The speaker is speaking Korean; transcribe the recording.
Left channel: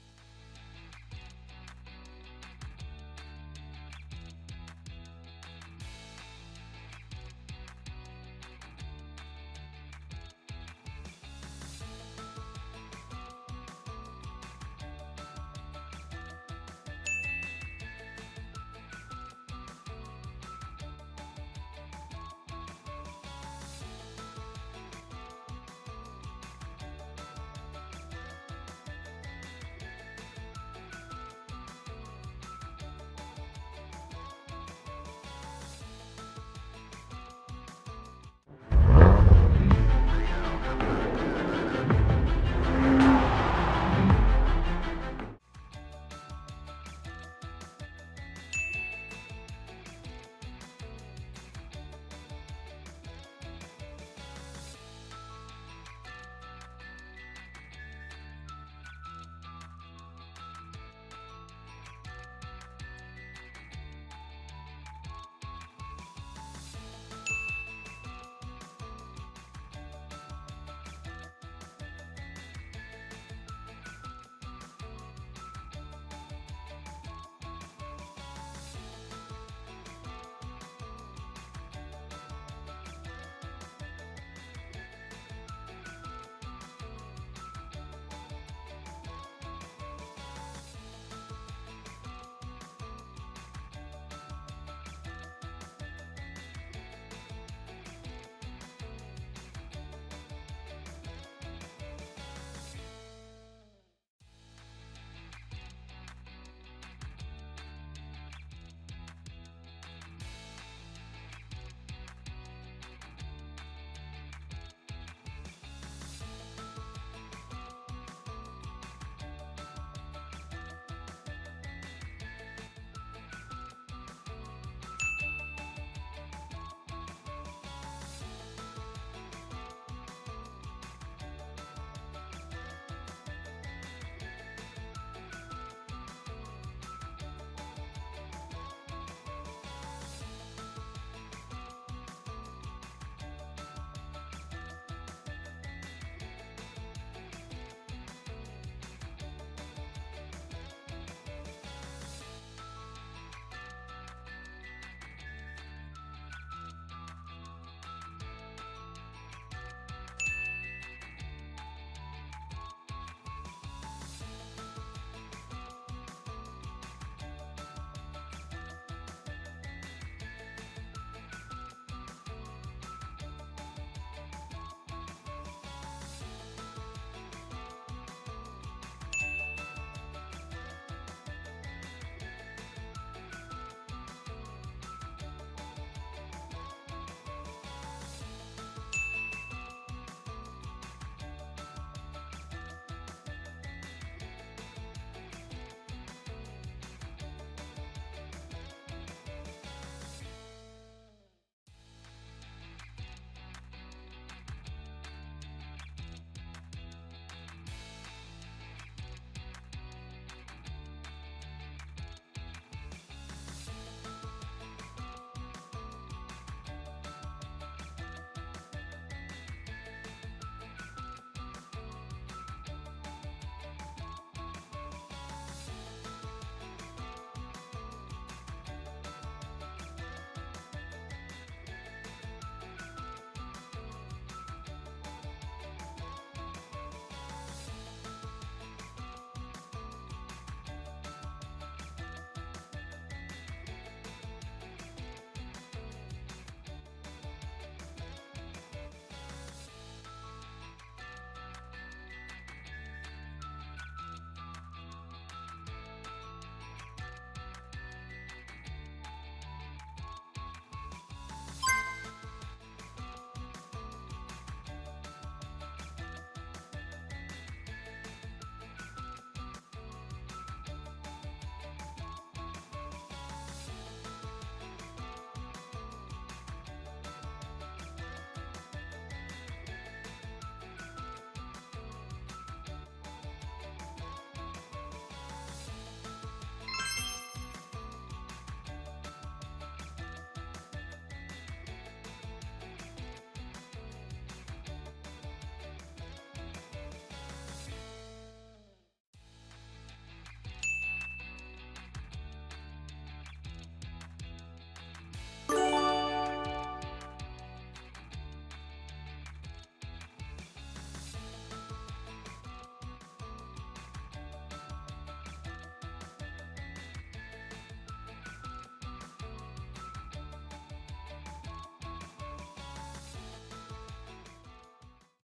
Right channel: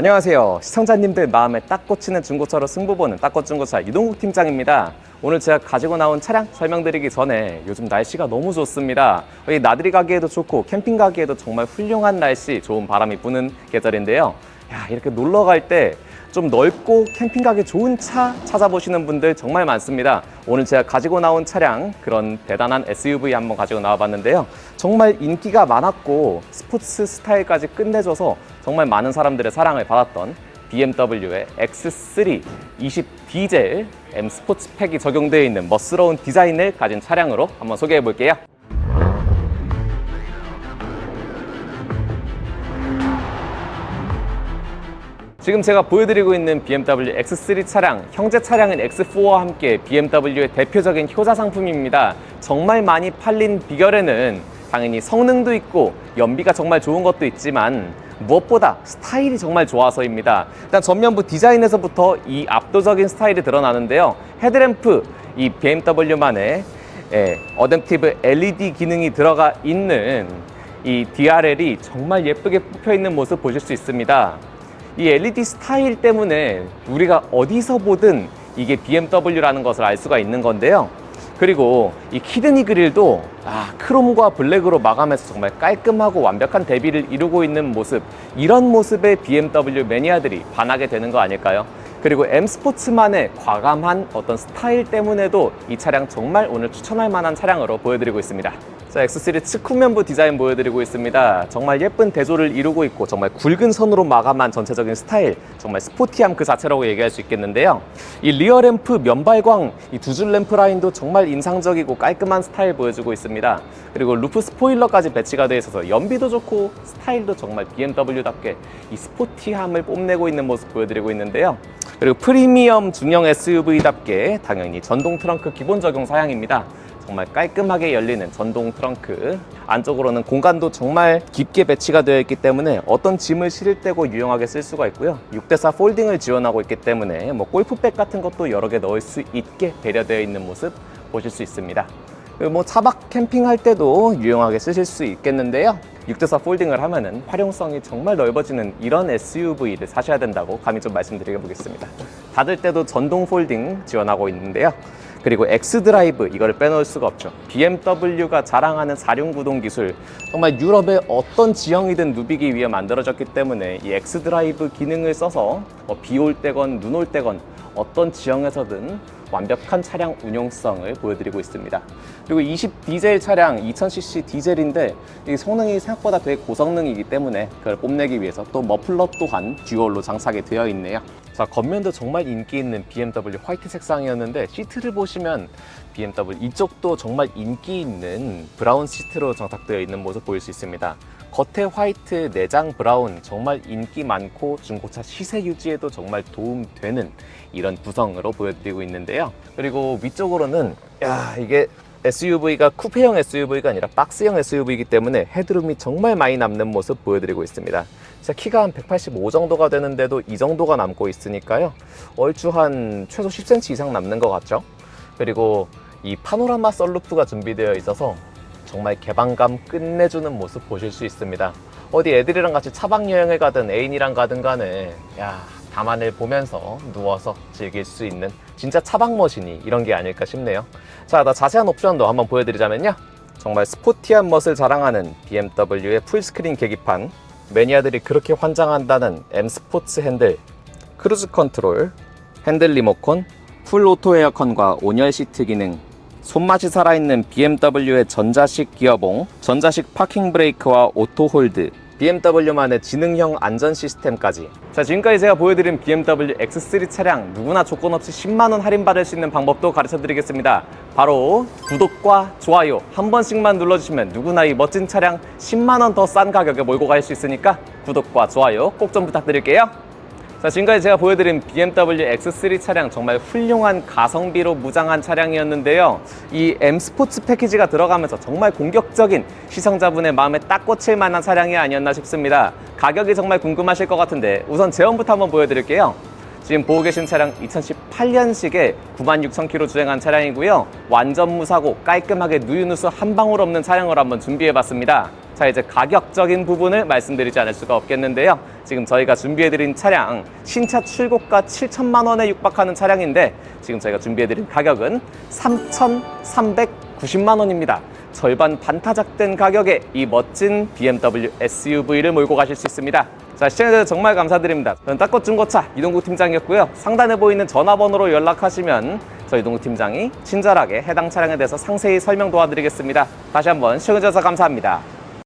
안녕하세요. 시청자님들 마음에 딱 꽂히는 중고차로 승부 보는 딱꽃 중고차 이동국 팀장입니다. 오늘 제가 가지고 나온 차량 설명드리기 전에 요즘 날씨가 너무 좋습니다. 이 나들이 가기에도 좋고 캠핑 가기에도 정말 훌륭한 날씨, 좋은 바람이 부는 계절인데요. 야, 이렇게 놀러 갈 때 좀 넓고 캠핑 가기 좋은 차 찾아보시는 분들 정말 많습니다. 오늘 제가 가지고 나온 차량 그런 대단한 SUV 한번 가지고 나와봤는데요. 정말 인기가 많았고 스포츠 스타일까지 끝내줘서 정말 많은 사람들의 사랑을 받았던 BMW의 X3 20 디젤 M 스포츠 팩이 적용되어 있는 멋스러운 디자인을 가진 차량으로 한번 소개해 볼게요. 지금 제가 보여드리고 있는 BMW X3 차량, 형제 차량인 X4와 함께 BMW의 대표적인 효자 상품입니다. 정말 많이 팔린 비결에는 당연히 성능도 있고 연비가 정말 좋은 것도 있지만 무엇보다 스타일이 정말 좋아서입니다. 일단 전면부 디자인에서부터 이 압도적인 스타일이 드러나는데요. 헤드램프, 이 BMW만의 예, 어댑티브 LED 기능이 들어가 있는 이 DRL이 정말 예쁘게 뽑혀 있는 모습 보실 수 있습니다. 이 LED 스타일 때문에 우리가 어디서 보든 이게 BMW라는 것을 알 수가 있는 건데요. 그리고 이 키드니 그릴도 아, 크롬과 블랙으로 마감해서 정말 깔끔하고 완벽한 대비를 이루고 있는 모습 이런 모습에 BMW 매니아들이 반하게 되는 거 아닐까요? 그리고 M 스포츠만의 과감한 어떤 스타일 때문에도 이 차량 정말 오늘 추천할 만한 차량으로 보여드리고 있습니다. 자, X3 측후면부 디자인 보여드리고 있습니다. 정말 예쁜 대조를 이루고 있고 정말 굵은 선으로 마감한 전체적인 스타일, 정말 스포티함 그 자체라고 얘기할 수 있겠는데요. 이 리어 램프 면발광, 이 두 줄 램프 라인도 정말 인상적이고 깔끔한 스타일 보여주고 있습니다. 그리고 루프 스포일러까지 배치가 되어 있어서 연비도 좋고 스타일도 정말 BMW답게 이 스포티함을 뽐내고 있는 모습 보여드리고 있는데요. 그리고 프리미엄 중형 SUV답게 당연히 전동 트렁크 기본 적용 사양입니다. 정말 깔끔하게 열리는 전동 트렁크. 안쪽으로는 공간도 정말 깊게 배치가 되어 있기 때문에 어떤 짐을 실을 때고 유용하게 쓸 수가 있고요. 6대4 폴딩을 지원하고 있기 때문에 뭐 골프백 같은 것도 여러 개 넣을 수 있게 배려되어 있는 모습 보실 수 있습니다. 뭐 차박 캠핑할 때도 유용하게 쓰실 수 있겠는데요. 6대4 폴딩을 하면은 활용성이 정말 넓어지는 이런 SUV를 사셔야 된다고 감히 좀 말씀드려 보겠습니다. 닫을 때도 전동 폴딩 지원하고 있는데요 그리고 X드라이브 이거를 빼놓을 수가 없죠. BMW가 자랑하는 사륜구동 기술 정말 유럽의 어떤 지형이든 누비기 위해 만들어졌기 때문에 이 X드라이브 기능을 써서 뭐 비올 때건 눈 올 때건 어떤 지형에서든 완벽한 차량 운용성을 보여드리고 있습니다. 그리고 20 디젤 차량 2000cc 디젤인데 이 성능이 생각보다 되게 고성능이기 때문에 그걸 뽐내기 위해서 또 머플러 또한 듀얼로 장착이 되어 있네요. 자 겉면도 정말 인기 있는 BMW 화이트 색상이었는데 시트를 보시면 BMW 이쪽도 정말 인기 있는 브라운 시트로 장착되어 있는 모습 보일 수 있습니다. 겉에 화이트, 내장 브라운 정말 인기 많고 중고차 시세 유지에도 정말 도움되는 이런 구성으로 보여드리고 있는데요. 그리고 위쪽으로는 야 이게 SUV가 쿠페형 SUV가 아니라 박스형 SUV이기 때문에 헤드룸이 정말 많이 남는 모습 보여드리고 있습니다. 제 키가 한 185 정도가 되는데도 이 정도가 남고 있으니까요. 얼추 한 최소 10cm 이상 남는 것 같죠? 그리고 이 파노라마 썰루프가 준비되어 있어서 정말 개방감 끝내주는 모습 보실 수 있습니다. 어디 애들이랑 같이 차박 여행을 가든 애인이랑 가든 간에 야 담안을 보면서 누워서 즐길 수 있는 진짜 차박 머신이 이런 게 아닐까 싶네요. 자, 나 자세한 옵션도 한번 보여드리자면요. 정말 스포티한 멋을 자랑하는 BMW의 풀스크린 계기판, 매니아들이 그렇게 환장한다는 M 스포츠 핸들, 크루즈 컨트롤, 핸들 리모컨, 풀 오토 에어컨과 온열 시트 기능, 손맛이 살아있는 BMW의 전자식 기어봉, 전자식 파킹 브레이크와 오토 홀드, BMW만의 지능형 안전 시스템까지. 자, 지금까지 제가 보여드린 BMW X3 차량 누구나 조건 없이 10만 원 할인 받을 수 있는 방법도 가르쳐 드리겠습니다. 바로 구독과 좋아요 한 번씩만 눌러주시면 누구나 이 멋진 차량 10만 원 더 싼 가격에 몰고 갈 수 있으니까 구독과 좋아요 꼭 좀 부탁드릴게요. 자, 지금까지 제가 보여드린 BMW X3 차량 정말 훌륭한 가성비로 무장한 차량이었는데요. 이 M 스포츠 패키지가 들어가면서 정말 공격적인 시청자분의 마음에 딱 꽂힐 만한 차량이 아니었나 싶습니다. 가격이 정말 궁금하실 것 같은데 우선 제원부터 한번 보여드릴게요. 지금 보고 계신 차량 2018년식에 96,000km 주행한 차량이고요. 완전 무사고 깔끔하게 누유누수 한 방울 없는 차량으로 한번 준비해봤습니다. 자 이제 가격적인 부분을 말씀드리지 않을 수가 없겠는데요. 지금 저희가 준비해드린 차량 신차 출고가 7천만 원에 육박하는 차량인데 지금 저희가 준비해드린 가격은 3,390만 원입니다. 절반 반타작된 가격에 이 멋진 BMW SUV를 몰고 가실 수 있습니다. 자, 시청해주셔서 정말 감사드립니다. 저는 닦고 중고차 이동국 팀장이었고요. 상단에 보이는 전화번호로 연락하시면 저희 이동국 팀장이 친절하게 해당 차량에 대해서 상세히 설명 도와드리겠습니다. 다시 한번 시청해주셔서 감사합니다.